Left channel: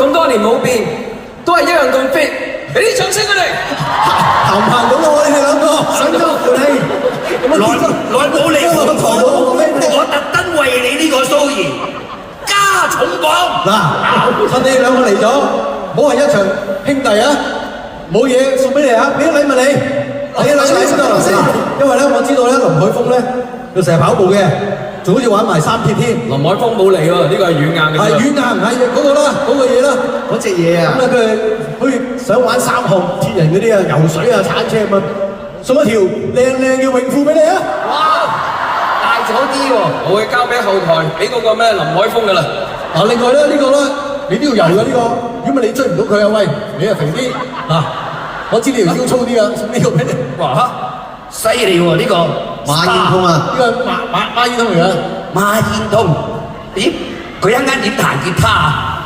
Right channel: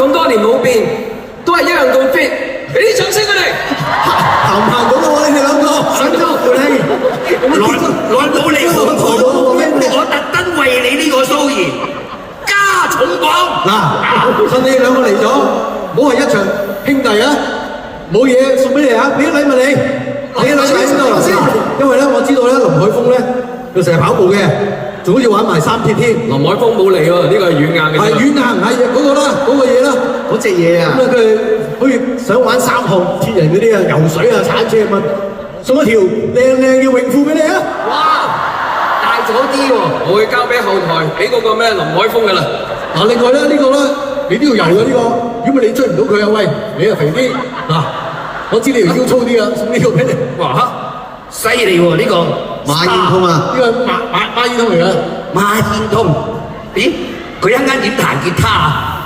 咁多年冇變，都係一樣咁 fit，俾啲掌聲佢哋。行唔行到啊？你哋兩個想咗來冇你好講，我特登為你呢個騷兒加重磅。嗱，趁你兩個嚟咗，唔好係一場兄弟啊！冇嘢送俾你啊！俾啲禮物你，俾啲禮物你先到先。因為咧，我知道咧，林海峰咧，佢成日跑步嘅，仲好似玩埋3鐵添。林海峰冇嚟喎，呢個係軟硬嘅。係軟硬，係嗰個啦，嗰個嘢啦，嗰隻嘢啊！咁啊，佢好似想玩3項鐵人嗰啲啊，游水啊、鏟車咁啊，送一條靚嘅泳褲俾你啊！哇，大咗啲喎，我會交俾後台，俾嗰個咩林海峰嘅啦。嗱，另外咧呢個咧，你都要游嘅呢個，如果你追唔到佢啊，喂，你啊肥啲嗱，我知你條腰粗啲啊，送呢個俾你。哇，犀利喎呢個馬煙通啊，呢個馬煙通嚟嘅。馬煙通，點佢一陣間點彈吉他啊？